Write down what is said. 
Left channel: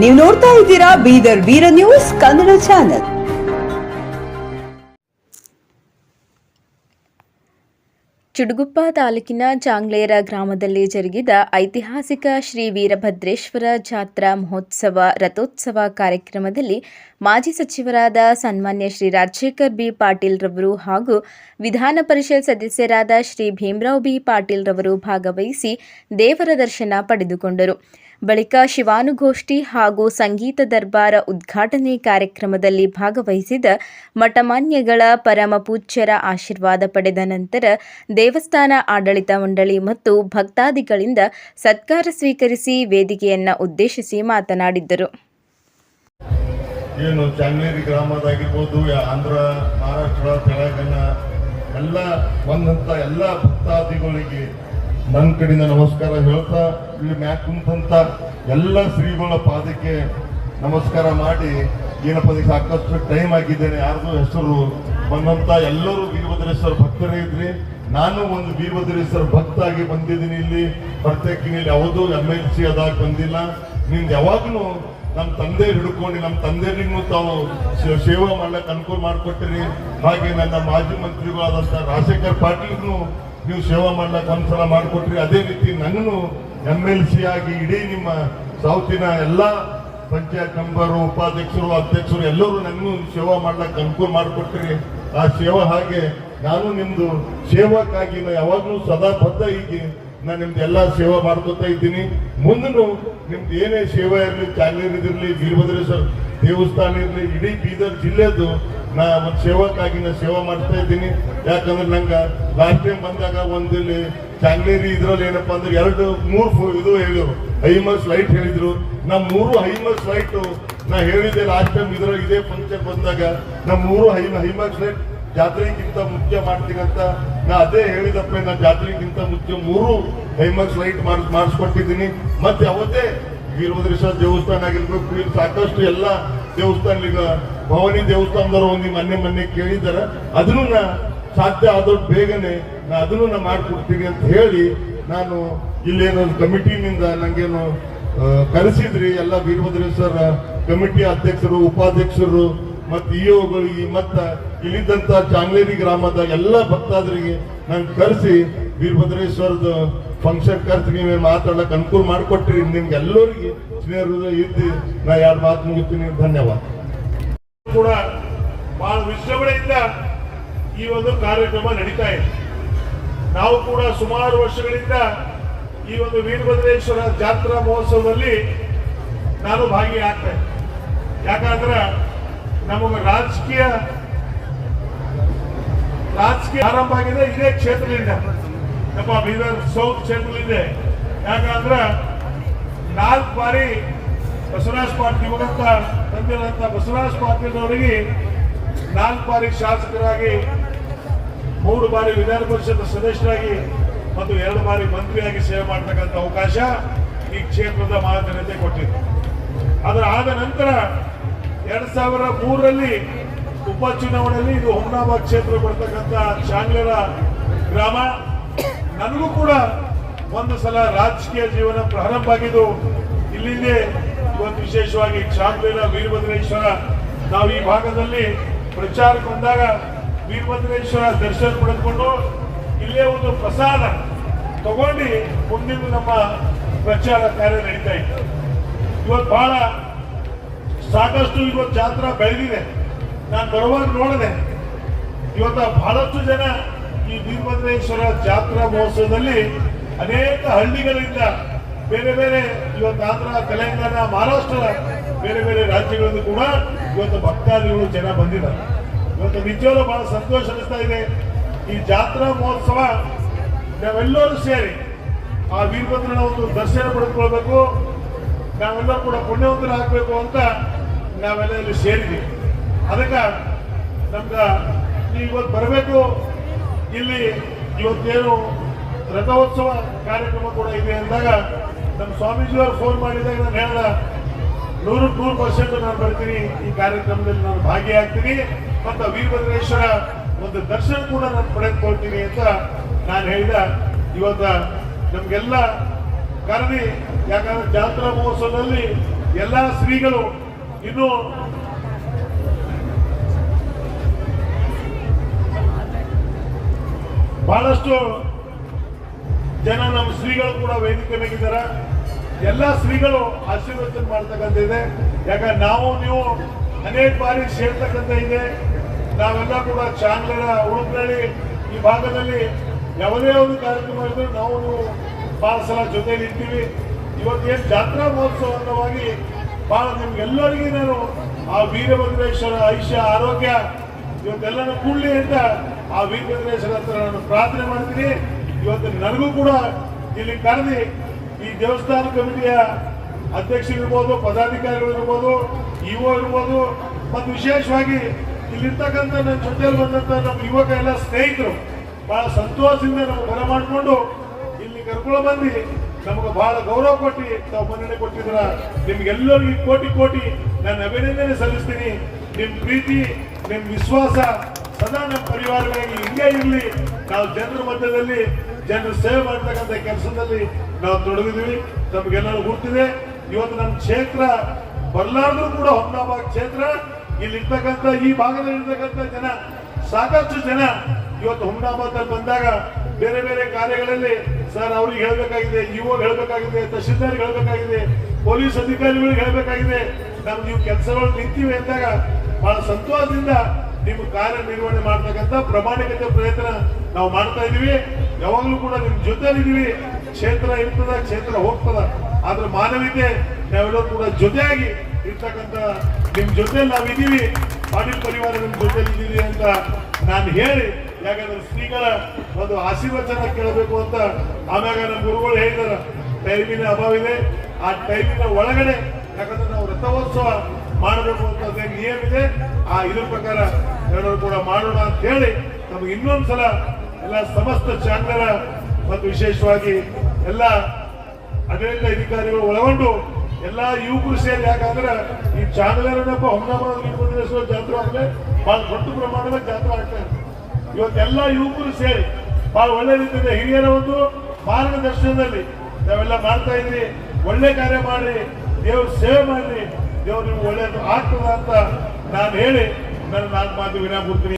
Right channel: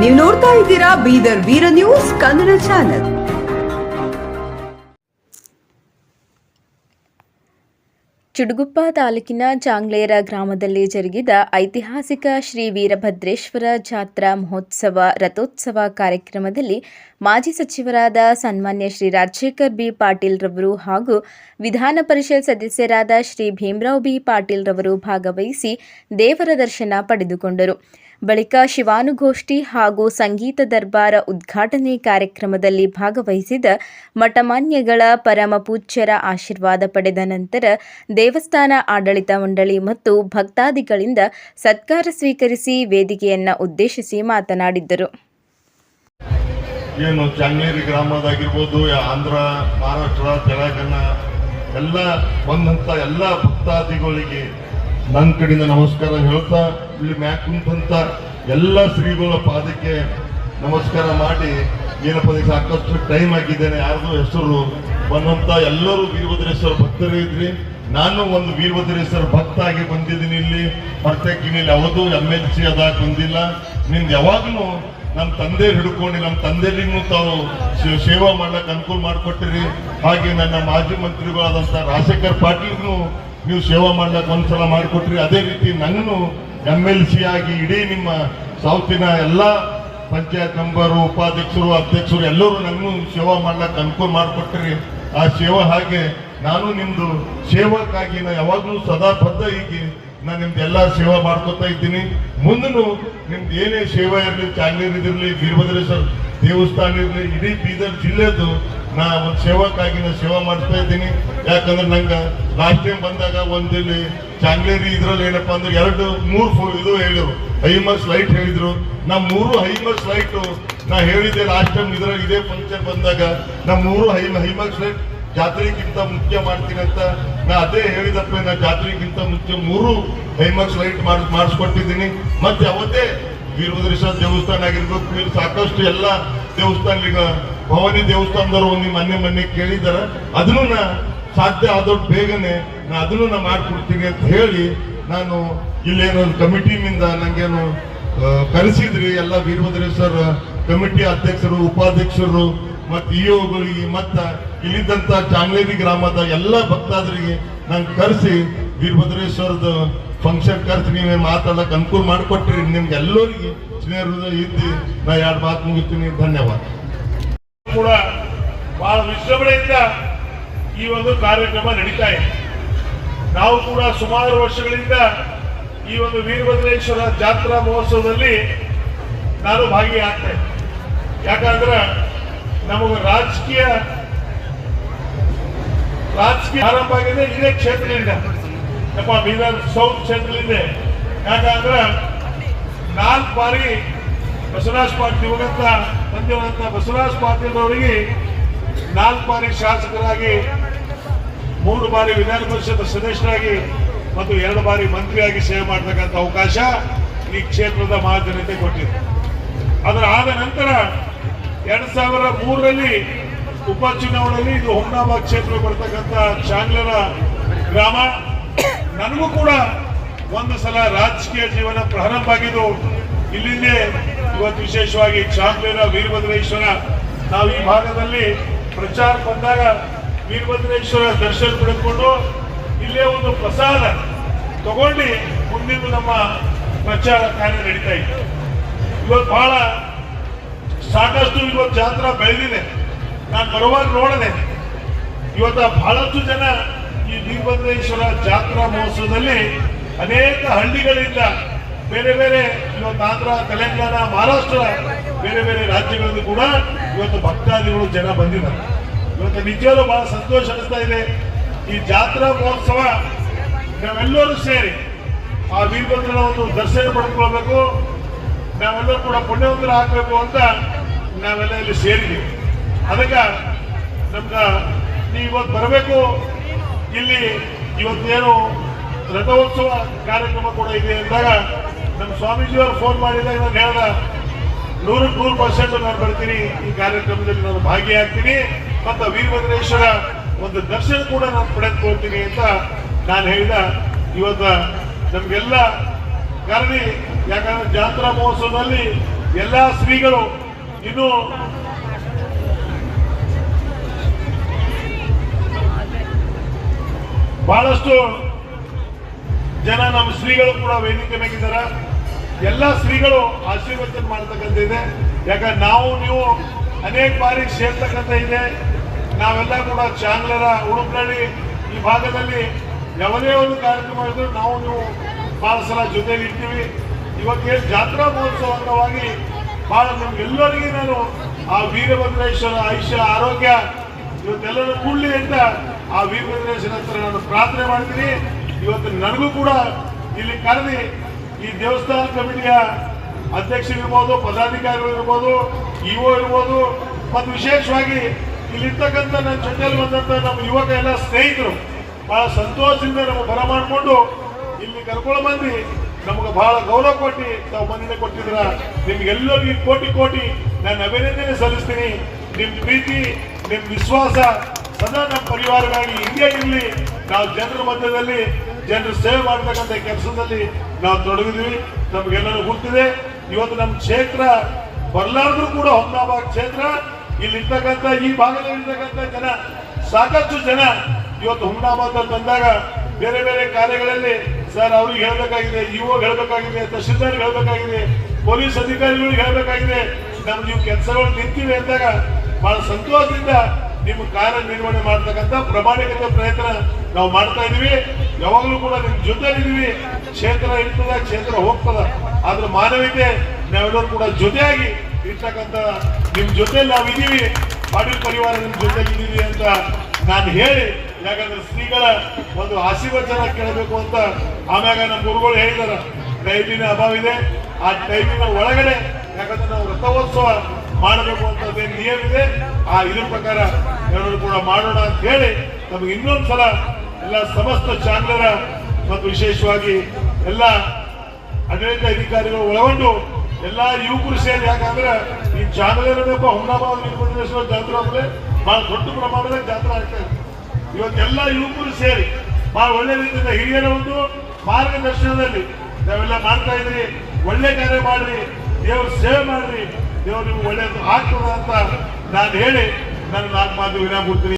ನೀವು ನೋಡ್ತಾ ಇದ್ದೀರಾ ಬೀದರ್ ವೀರ ನ್ಯೂಸ್ ಕನ್ನಡ ಚಾನೆಲ್. ಚುಟುಗುಪ್ಪ ತಾಲೂಕಿನ ಚಾಂಗ್ಲೇರ ಗ್ರಾಮದಲ್ಲಿ ಜರುಗಿದ ಐತಿಹಾಸಿಕ ಶ್ರೀ ವೀರಭದ್ರೇಶ್ವರ ಜಾತ್ರಾ ಮಹೋತ್ಸವ ರಥೋತ್ಸವ ಕಾರ್ಯಕ್ರಮದಲ್ಲಿ ಮಾಜಿ ಸಚಿವರಾದ ಸನ್ಮಾನ್ಯ ಶ್ರೀ ರಾಜಶೇಖರ್ ಬಿ ಪಾಟೀಲ್ ರವರು ಹಾಗೂ ವಿಧಾನ ಪರಿಷತ್ ಸದಸ್ಯರಾದ ಶ್ರೀ ಭೀಮರಾವ್ ಬಿ ಪಾಟೀಲ್ ರವರು ಭಾಗವಹಿಸಿ ದೇವರ ದರ್ಶನ ಪಡೆದುಕೊಂಡರು. ಬಳಿಕ ಶಿವಾನುಗೋಷ್ಠಿ ಹಾಗೂ ಸಂಗೀತ ದರ್ಬಾರ ಉದ್ಘಾಟನೆ ಕಾರ್ಯಕ್ರಮದಲ್ಲಿ ಭಾಗವಹಿಸಿದ ಮಠಮಾನ್ಯಗಳ ಪರಮ ಪೂಜ್ಯರ ಆಶೀರ್ವಾದ ಪಡೆದ ನಂತರ ದೇವಸ್ಥಾನ ಆಡಳಿತ ಮಂಡಳಿ ಮತ್ತು ಭಕ್ತಾದಿಗಳಿಂದ ಸತ್ಕಾರ ಸ್ವೀಕರಿಸಿ ವೇದಿಕೆಯನ್ನು ಉದ್ದೇಶಿಸಿ ಮಾತನಾಡಿದರು. ಏನು ಚಾಂಗ್ಲೇರಿ ಗ್ರಾಮದಾಗಿರ್ಬೋದು, ಆಂಧ್ರ, ಮಹಾರಾಷ್ಟ್ರ, ತೆಲಂಗಾಣ ಎಲ್ಲ ಬಂದಂಥ ಎಲ್ಲ ಭಕ್ತಾದಿಗಳಿಗೆ ನನ್ನ ಕಡೆಯಿಂದ ನಮಸ್ಕಾರ ಹೇಳ್ತಾ, ಇಲ್ಲಿ ಮ್ಯಾಕ್ ಕುಂತಂತ ಎಲ್ಲ ಶ್ರೀಗಳ ಪಾದಕ್ಕೆ ನಮಸ್ಕಾರ ಮಾಡಿ ಏನಪ್ಪ ಸಾಕಷ್ಟು ಟೈಮ್ ಆಗಿದ್ದೇನೆ. ಯಾರ್ದು ಹೆಸರು ಬಂದಂತ ಎಲ್ಲರೂ ವೀರಭದ್ರೇಶ್ವರ ಭಕ್ತರೇ ಇದ್ರಿ. ನಾನು ಒಂದು ವೀರಭದ್ರೇಶ್ವರ ಭಕ್ತ ಆಗಿ ಬಂದಿದ್ದೀನಿ. ಇಲ್ಲಿ ಪ್ರತ್ಯೇಕ ಯಾವುದು MLC ಅದಾಗ ಬಂದಿಲ್ಲ. ನಿಮ್ದು ಯಾವಾಗಲೂ ನಮ್ಮ ತಂದೆ ಹಿಡ್ಕೊಂಡು ನಮ್ಮ ತಂದೆಗೂ ತಾವು ಸೇವಾ ಮಾಡ್ಲಿಕ್ಕೆ ಅನುಕೂಲ ಮಾಡಿಕೊಟ್ಟಿರಿ. ಹಾಗೆ ನನ್ನ ಮಾಜಿ ಮಂತ್ರಿಗಳಾದಂಥ ರಾಜಶೇಖರ್ ಪಾಟೀಲ್ನು ನೀವು ಸೇವಾ ಮಾಡ್ಲಿಕ್ಕೆ ಒಂದ್ಸಲ ಮಾಡಿಕೊಟ್ರಿ. ಅದೇ ರೀತಿ ನನ್ನೂ MLC ಆಗಿ ಇಡೀ ನಿಮ್ಮ ಸೌತಿನ ಎಲ್ಲ ಪಂಚಾಯತ್ ಮೆಂಬರು, ಉಪಾಧ್ಯಕ್ಷರು, ಅಧ್ಯಕ್ಷರು ಎಲ್ಲರೂ ನನ್ನೂ ಸೇವಾ ಮಾಡ್ಲಿಕ್ಕೆ ಅನುಕೂಲ ಮಾಡಿಕೊಟ್ರಿ. ಆ ಸೇವಾ ಹಾಗೆ ನಾನು ನಿಮ್ದು ಸೇವಕ್ಕಾಗಿ ಯಾವಾಗಲೂ ಸದಾ ಬದ್ಧ ಹೀಗೆ ನಾನು ನಿಮ್ದು ಎಲ್ಲ ಸೇವೆ ಮಾಡ್ಕೊತಾ ಇದ್ದೀನಿ. ಮುಂದೂ ನಿಮ್ದು ಏನೇ ಸೇವೆ ಇರಲಿ, ಚಾಂಗ್ಲೇರ್ ಇದಿರಲಿ, ವೀರಭದ್ರೇಶ್ವರ ದೇವಸ್ಥಾನ ಇರಲಿ, ಇಡೀ ಬೀದರ್ ಜಿಲ್ಲೆದು ನಾ ಒಂದು ಸೇವಕ್ಕಾಗಿ ನಾನು ಸೇವೆ ಮಾಡ್ತಾ ಇದ್ದೀನಿ. ಯಾಕಂದ್ರೆ ನಂಗೆ ಲಾಸ್ಟ್ ಟೈಮ್ ಬಂದಾಗ ಒಂದಿಲ್ಲಿ ಚಾಂಗ್ಲೇರಿ ಇದ್ರಲ್ಲಿ ಏನಪ್ಪ ಅಂದ್ರೆ 2-3 ಇದು ಹೇಳಿದ್ರು, ಹೈಮರ್ಸ್ ಲೈಟ್ ಹೇಳಿದ್ರು. ನಾ 3 ಹೈಮರ್ಸ್ ಲೈಟ್ ನಾ ಹೇಳಿದ್ದೆ ಲಾಸ್ಟ್ ಟೈಮ್ ಇದ್ರಲ್ಲಿ ಇದೇ ಫಂಕ್ಷನ್ ಬಂದಾಗ. ನಾ 3 ಹೈಮರ್ಸ್ ಲೈಟ್ ಜಾತ್ರೆಗಿಂತ ಮುಖ್ಯ ಮಾಡ್ತೀನಿ ಅಂತ ನಾ ಅದೇ ಹೇಳಿದಪ್ಪ. ನಾ ಜಾತ್ರೆಗಿಂತ ಮುಖ್ಯ 3 ಹೈಮರ್ಸ್ ಲೈಟ್ ಮಾಡಿಸ್ಕೊಟ್ಟಿದ್ದೀನಿ. ಮತ್ತೆ ಅವತ್ತೇ ವೀರಭದ್ರೇಶ್ವರ ದೇವಸ್ಥಾನ ಆಗಿರ್ಬೇಕು, ಇಲ್ಲಿ ಸಾಕಷ್ಟು ಎಲ್ಲ ದೇವಸ್ಥಾನ, ಈಗ ಭವಾನಿ ದೇವಸ್ಥಾನದವರು ಒಂದು ಮೊನ್ನೆ ಕೇಳಿದಾರೆ. ಅದನ್ನು ನಾ ಸಾಧ್ಯ ಆದಷ್ಟು ಬೇಗನೆ ನಾ ಅದನ್ನು ನಾ ಮಾಡಿಕೊಡ್ತೀನಿ ಅಂತ ಹೇಳಿ, ನಾನು ಇಲ್ಲೇನೊಂದು ಕಮಿಟಿನಿಂದ ನಂಗೇನು ಕರೆಸಿದ್ರಿ ಎಲ್ಲ ವೀರಭದ್ರೇಶ್ವರ ಕಮಿಟಿ ಅಧ್ಯಕ್ಷರು, ಉಪಾಧ್ಯಕ್ಷರು ಮತ್ತು ಇಒಗಳಿಗೆ ಮತ್ತು ಇಲ್ಲಿದ್ದಂಥ ಚಾಂಗ್ಲೇರಿ ಗ್ರಾಮದ ಎಲ್ಲ ಭಕ್ತಾದರಿಗೆ ನಂಗೆ ಕರೆಸಿ ವೀರಭದ್ರೇಶ್ವರದ ಫಂಕ್ಷನ್ ಕರೆಸಿ ನೀವೇನು ಮಾತಾಡಕ್ಕೆ ಅನುಕೂಲ ಮಾಡಿಕೊಟ್ರಿ. ನಿಮ್ಗೆ ಎಲ್ಲರಿಗೆ ಸ್ನೇಹಿತರು ಇದ್ದು ನಾ 2 ಮಾತು ಮುಗಿಸ್ತೀನಿ. ಧನ್ಯವಾದ. ಕೂಡ ಬಹಳ ವಿಜೃಂಭಣೆಯಿಂದ ಈ ಒಂದು ಕಾರ್ಯಕ್ರಮ ನಡೀತಾ ಇದೆ. ನಾವು ಕೂಡ ಸುಮಾರು ವರ್ಷಗಳಿಂದ ಈ ಒಂದು ವೀರಭದ್ರೇಶ್ವರ ಜಾತ್ರಾ ಮಹೋತ್ಸವದಲ್ಲಿ ನಾನು ಭಾಗಿಯಾಗ್ತೇನೆ. ಯಾಕಂದ್ರೆ ನಮಗೆ ರಾಜಕೀಯ ಆರಂಭ ಆಗಿದೆ ಇದೇ ಕ್ಷೇತ್ರದಿಂದ, ನಮ್ಮ ಬೀದರ್ ಸೌತ್ ಕ್ಷೇತ್ರದಿಂದ. ಯಾಕಂದ್ರೆ 4 ಬಾರಿ ಬಸವರಾಜ್ ಪಾಟೀಲ್ ದಿವಂಗತ ತಂದೆಯಾದಂಥ ಬಸವರಾಜ್ ಪಾಟೀಲ್ ಅವರಿಗೆ 4 ಬಾರಿ ಶಾಸಕರಾಗಿ, 3 ಬಾರಿ ವಿಧಾನ ಪರಿಷತ್ ಸದಸ್ಯರಾಗಿ ಮತ್ತು 2 ಬಾರಿ ಮಂತ್ರಿಯಾಗಿ ಸೇವೆ ಮಾಡತಕ್ಕಂಥ ಅವಕಾಶ ಈ ಕ್ಷೇತ್ರದ ಮಹಾಜನತೆ ಕೊಟ್ಟಿದೆ. ಅದರ ಆದ ನಂತರ 2003ರಲ್ಲಿ ಉಪಚುನಾವಣೆಯಲ್ಲಿ ಇದು ಹುಮ್ನಾಬಾದ್ ಕ್ಷೇತ್ರ ಬರ್ತಕ್ಕಂಥ ಚಾಂಗ್ಲೇರ ಗ್ರಾಮ. ನನಗೂ ಕೂಡ ಒಂದು ಸಲ ರಾಜಕೀಯ ಜೀವನ ಪ್ರಾರಂಭ ಆಗಿದ್ದು ಇಲ್ಲಿಂದೇ. ಇವತ್ತು ವಿಶೇಷವಾಗಿ ಚಾಂಗ್ಲೇರ ವೀರಭದ್ರೇಶ್ವರ ನಾವು ಈ ಭಾಗದಲ್ಲಿ ಪ್ರಚಾರಕ್ಕೆ ಬಂದಾಗ ವೀರಭದ್ರೇಶ್ವರ ದರ್ಶನ ಪಡೆದುಕೊಂಡು ಇಲ್ಲೇ ಒಂದು ಪ್ರಸಾದ ತಗೊಂಡು ಮುಂದಿನ ನಮ್ಮ ಪ್ರಚಾರ ಕಾರ್ಯ ನಡೀತಾ ಇತ್ತು. ಇವತ್ತು ಬಹಳ ಸಾಕಷ್ಟು ಇವತ್ತು ಜಾತ್ರಾ ಬೆಳೆದಿದೆ. ನಾನು ಬರುವಾಗ ನೋಡಿದೆ, ಇವತ್ತು ಬಹಳಷ್ಟು ಜನ ಈ ವೀರಭದ್ರೇಶ್ವರ ಜಾತ್ರಾ ಮಹೋತ್ಸವದಲ್ಲಿ ಅನೇಕ ಹಳ್ಳಿಗಳಿಂದ ಬೇರೆ ಬೇರೆ ಇವತ್ತು ಆಂಧ್ರ, ತೆಲಂಗಾಣ, ಮಹಾರಾಷ್ಟ್ರ ಬೇರೆ ಬೇರೆ ರಾಜ್ಯಗಳಿಂದ ಕೂಡ ಇವತ್ತು ಭಕ್ತಾದಿಗಳು ಜನ ಬಂದಿದ್ದಾರೆ. ಇವತ್ತು ನಿಜವಾಗ್ಲೂ ಬಹಳ ಸಂತೋಷ ಅನಿಸ್ತಾ ಇದೆ. ಈ ಜಾತ್ರಾ ಮಹೋತ್ಸವ ನಾವೆಲ್ಲರೂ ಸೇರಿ ಆ ವೀರಭದ್ರನ ಒಂದು ದರ್ಶನ ಪಡೆದುಕೊಳ್ಬೇಕು, ನಾವೆಲ್ಲರೂ ಕೂಡ ಪುಣ್ಯವಂತರ ಹಾಕಬೇಕು ಅಂತ ನಾವೆಲ್ಲ ಇಲ್ಲಿ ಸೇರಿದ್ದೀವಿ. ಅದಕ್ಕೆ ನಮ್ಗೆ ನೀವು ಇವತ್ತು ಬರಬೇಕು. ಇಲ್ಲಿ ಇವತ್ತೇನು ರಥೋತ್ಸವ ಕಾರ್ಯಕ್ರಮ ಕೂಡ ಇದೆ ಅಂದಾಗ ನಮ್ಮ ಸ್ವಾಮೀಜಿಯವರು ಫೋನ್ ಮಾಡಿದಾಗ ನಾನು ಹೇಳಿದ 100% ನಾನು ಬರ್ತೀನಿ, ಈ ಕಾರ್ಯಕ್ರಮದಲ್ಲಿ ನಾನು ಭಾಗಿಯಾಗ್ತೀನಿ ಮತ್ತು ವೀರಭದ್ರೇಶ್ವರ ಒಂದು ದರ್ಶನ ಕೂಡ ನಾನು ಪಡೆದುಕೊಳ್ತೀನಿ ಅಂತ ನಾನು ಹೇಳಿದ. ಇವತ್ತು ನಮಗೆಲ್ಲ ಕರೆದಿ, ಯಾಕಂದ್ರೆ ಜಾತ್ರಾ ಮಹೋತ್ಸವದಲ್ಲಿ ಎಲ್ಲ ಶ್ರೀಗಳು ಇನ್ನು ಬಹಳಷ್ಟು ಜನ ನಮ್ಮ ಶ್ರೀಗಳು ಕೂಡ ವೇದಿಕೆ ಮೇಗಿದ್ದಾರೆ. ಎಲ್ಲ ಶ್ರೀಗಳು ಆಶೀರ್ವಚನ ಮಾಡ್ತಕ್ಕಂಥದ್ದಿದೆ. ಯಾಕಂದ್ರೆ ನಾವು ನೀವು ಅನೇಕ ಬಾರಿ ಸೇರ್ತಕ್ಕಂಥ ಇದೆ. ನಾವೆಲ್ಲ ಕೂಡ ಚಾಂಗ್ಲರ ಉಡುಪನಹಳ್ಳಿ ಈ ಭಾಗದಲ್ಲಿ ಯಾವುದೇ ಒಂದು ಕಾರ್ಯಕ್ರಮ ಇದ್ರೂ ನಾವು ನೀವು ಬಹಳ ಸಲ ಜೊತೆಯಲ್ಲಿ ಇರ್ತೀವಿ. ಇವತ್ತೇನು ಜಾತ್ರಾ ಮಹೋತ್ಸವ ಅಂಗವಾಗಿ ಬಹಳ ನಿಮ್ಗೆಲ್ಲರಿಗೂ ನಾನು ಆ ವೀರಭದ್ರೇಶ್ವರ ಆಯುಷ್ಯ ಆರೋಗ್ಯ ಇವತ್ತೆಲ್ಲರೂ ಕೂಡಲಿ ಅಂತ ಆ ವೀರಭದ್ರೇಶ್ವರ ಹತ್ರ ನಾನು ಪ್ರಾರ್ಥನೆ ಮಾಡ್ತೀನಿ. ಇವತ್ತು ನನಗೂ ಕೂಡ ಇಲ್ಲಿ ಕರೆದಿ ಈ ದೇವಸ್ಥಾನ ಕಮಿಟಿಯ ಅಧ್ಯಕ್ಷರಿರ್ಬೋದು, ಪದಾಧಿಕಾರಿಗಳು ಇರ್ಬೋದು, ಇಒ ಇರ್ಬೋದು, ಮತ್ತು ವಿಶೇಷವಾಗಿ ಇಲ್ಲಿರ್ತಕ್ಕಂಥ ನನ್ನ ಜೊತೆಯಲ್ಲಿ ಬಂದಂತ ನಮ್ಮ ಯುವಕ ಎಲ್ಲ ಸ್ನೇಹಿತರು ಬಹಳ ಸಂತೋಷದಿಂದ ನಮಗೆ ಬರಮಾಡಿಕೊಂಡು ಇಲ್ಲಿ ಕರ್ಕೊಂಡು ಬಂದು ನಮಗೆ ಬಹಳ ಗೌರವ ಕೊಟ್ಟು ತಾವು ಮನ್ನಣೆ ಕೊಟ್ಟಿದ್ರ ನಿಮ್ಗೆಲ್ಲರಿಗೂ ಕೋಟಿ ಕೋಟಿ ನಾನು ಅಭಿನಂದನೆ ಸಲ್ಲಿಸ್ತೀನಿ. ನಿಮ್ ಪ್ರೀತಿ, ನಿಮ್ ವಿಶ್ವಾಸ ಸದಾ ನಮ್ಮ ಪರಿವಾರವಾಗಿ ಹಿಂಗೆ ಇರಲಿ. ನಾವು ಜನರ ಮಧ್ಯದಲ್ಲಿ ಜನರು ಸೇವೆ ಮಾಡ್ತಕ್ಕಂಥ ಕೆಲಸದಲ್ಲಿ ನಾವು ತೊಡಗಿದ್ವಿ. ನಮ್ಗೆಲ್ಲರೂ ಗೊತ್ತಿದೆ. ಇವತ್ತು ನಮ್ಮ ಕ್ಷೇತ್ರ ಬರಲಾರ್ದು ಕೂಡ ಹುಮ್ನಾಬಾದ್ ಕ್ಷೇತ್ರ ಇಲ್ಲಿ ಇರ್ತಕ್ಕಂಥ ಈ ಭಾಗದಲ್ಲಿ ಇರ್ತಕ್ಕಂಥ ಜನ ಸಾಕಷ್ಟು ಜನ ಇವತ್ತು ಹುಮ್ನಾಬಾದ್ ಬಂದಾಗ ಬೇರೆ ಬೇರೆ ಕಾರ್ಯಗಳಲ್ಲಿ ಸರ್ ಅವ್ರಿಗೆ ಹೇಳ್ಬೇಕಾಗಿದೆ, ಇಒ ಹೇಳ್ಬೇಕಾಗಿದೆ, ತಹಶೀಲ್ದಾರ್ ಹೇಳ್ಬೇಕಾಗಿದೆ, ಪೊಲೀಸ್ ಅಧಿಕಾರಿಗಳಿಗೆ ಹೇಳ್ಬೇಕಾಗಿದೆ. ನೀವು ಕೆಲಸಗಳು ನಿಂತಿವೆ ಅಂದಾಗ ಬಹಳ ಸಂತೋಷದಿಂದ ನೀವು ಕಾರ್ಯನಿರ್ವಹಣೆ ಮಾಡ್ತಕ್ಕಂಥ ಪ್ರಾಮಾಣಿಕತೆ ಪ್ರಯತ್ನ ನಾವು ಮಾಡ್ತಾ ಇದೀವಿ. ಯಾವಾಗಲೂ ಕೂಡ ನಿಮ್ ಜೊತೆಲಿದ್ದೀವಿ. ಕ್ಷೇತ್ರ ಇರ್ತದ, ಕ್ಷೇತ್ರ ಹೋಗ್ತದ, ಅದ್ರ ಮಾನವೀಯತೆ ನಾವೆಲ್ಲರೂ ಕೂಡ ಜೊತೆಯಾಗಿ ಇರ್ತಕ್ಕಂಥ ನಿಮ್ ಜೊತೆಲಿ ನಾವಿದ್ದೀವಿ. ಪಾಟೀಲ್ ಪರಿವಾರ ನಿಮ್ ಜೊತೆಲಿ ಇದ್ದೀವಿ ಅಂತ ನಾನು ಹೇಳಿ, ಯಾಕಂದ್ರೆ ಶ್ರೀಗಳ ಒಂದು ಆಶೀರ್ವಚನ ಕೇಳಬೇಕು ಅಂತ ಆಮ್ಯಾಗ ನಮ್ಮ ಗುರುಗಳು ಹೇಳಿದಾರ. ಟೈಮಿನ ಅಭಾವ ಇದೆ. ಆ ಟೈಮಿನ ಒಳಗಡೆ ಯಾಕಂದ್ರೆ ನಾವು ರಥೋತ್ಸವ ಮಾಡಬೇಕು ಅಂತ ನಿಯಮ ಇದೆ. ಆ ಇದ್ರ ಪ್ರಕಾರ ಎಲ್ಲರೂ ಕೂಡ ಮಾಡೋಣ ಅಂತ ಹೇಳಿ ನಮ್ಗೆ ಇನ್ನೊಂದ್ಸಲ ಎಲ್ಲ ಸಮಸ್ತ ಚಾಂಗ್ಲರ ಮತ್ತು ವಿಶೇಷವಾಗಿ ಎಲ್ಲ ಆಡಳಿತ ಅಧಿಕಾರಿಗಳು ಒಳಗೊಂಡು ಎಲ್ಲಾ ಯುವಕರು ಸೇರಿ, ಯಾಕಂದ್ರೆ ಈ ಚಾಂಗ್ಲರಪ್ಪ ಹುಮ್ನಾಬಾದ್ ವೀರಭದ್ರೇಶ್ವರ ಜಾತ್ರೆ ಅಂದ್ರೆ ಬಹಳ ದೊಡ್ಡ ಪ್ರಮಾಣದ ಜಾತ್ರೆ ಆಗ್ತದೆ. ಇವತ್ತೆಲ್ಲ ಯುವಕರು ಸೇರಿ ಬಹಳ ಒಳ್ಳೆ ರೀತಿಯಿಂದ ಹಿರಿಯರ ಒಂದು ಮಾರ್ಗದರ್ಶನದಲ್ಲಿ ನಾವೆಲ್ಲ ಮಾಡ್ತಾ ಇದ್ರಿ. ಒಳ್ಳೆ ಕಾರ್ಯ ಮಾಡ್ರಿ, ದೇವ್ರ ಸೇವೆ ಮಾಡ್ರಿ, ದೇವ್ರು ನಿಮ್ಗೆ ಒಳ್ಳೇದು ಆಗ್ತದ ಅಂತ ನಾನು ಹೇಳಿ ನನ್ನ 4 ಮಾತು ವಿರಾಮ ಕೊಡ್ತೀನಿ.